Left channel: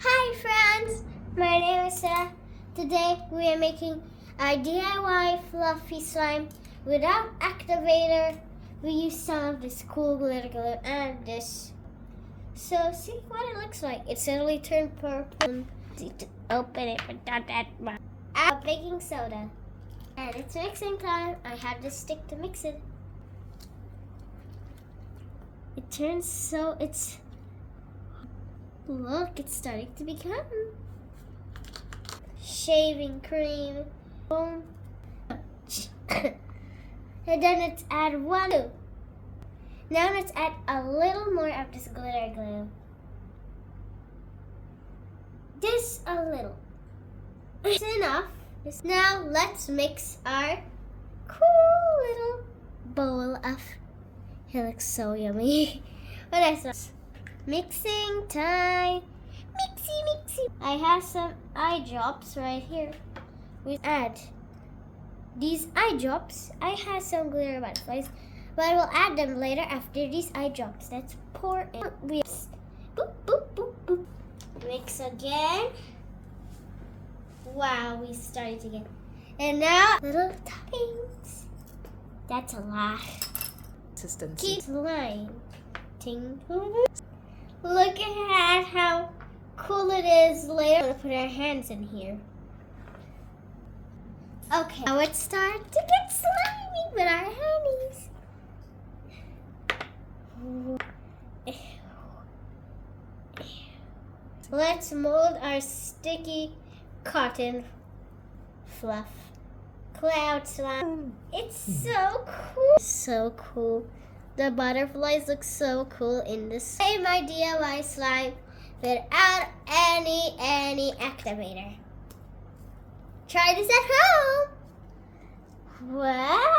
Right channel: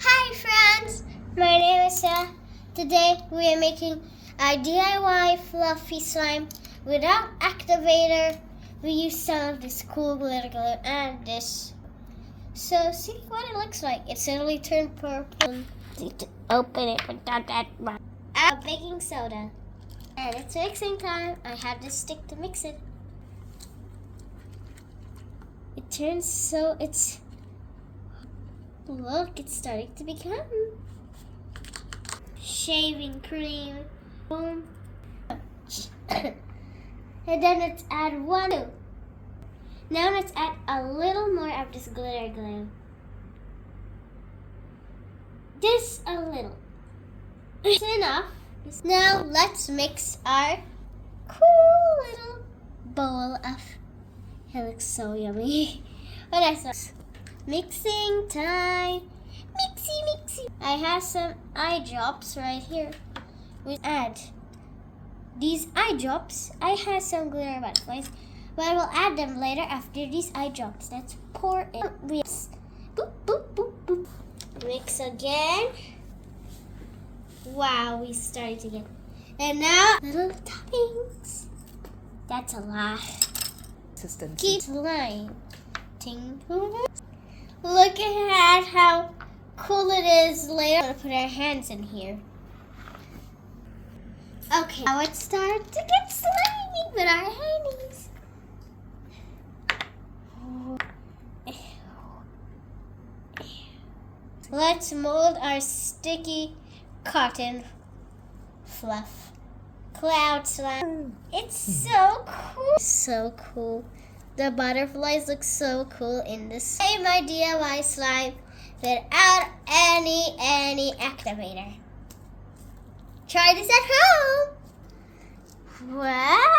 Hi friends, my name is Sarah. Today we are making a DIY fluffy slime without activator. We use some of this cool glitter glue and this. So see what it looks like. It suddenly turned purple. To open it without that much. Baking soda. And it's mixing time. I have this stick to mix it. It turns so it's look, it's starting to become shaving cream. Boom. And then let's add one. Now let's add a little more of this glitter glue. This a little. It's enough. Now let's mix our cool little bowl of. It looks so yummy. What is this? Mixing time. Mixy. I have some eye drops right here. We add these eye drops. I have some glitter butterflies, but I will add them later after these eye drops. Let's pour in. Boop, boop, boop, boop. Mix again. Wow, we started again. And now little toppings. That's a lot. Consistency. Keep slime. Look at how cool it is later. I'm going to put our hands in here. Okay, now it's time to get slimy with our hands. Let's mold our sticky cotton fluff. Cloud slime. It's so cool. So cool. The butterflies look so cool in this. Hey, my DIY slime without any activator. Try this at home. Wow.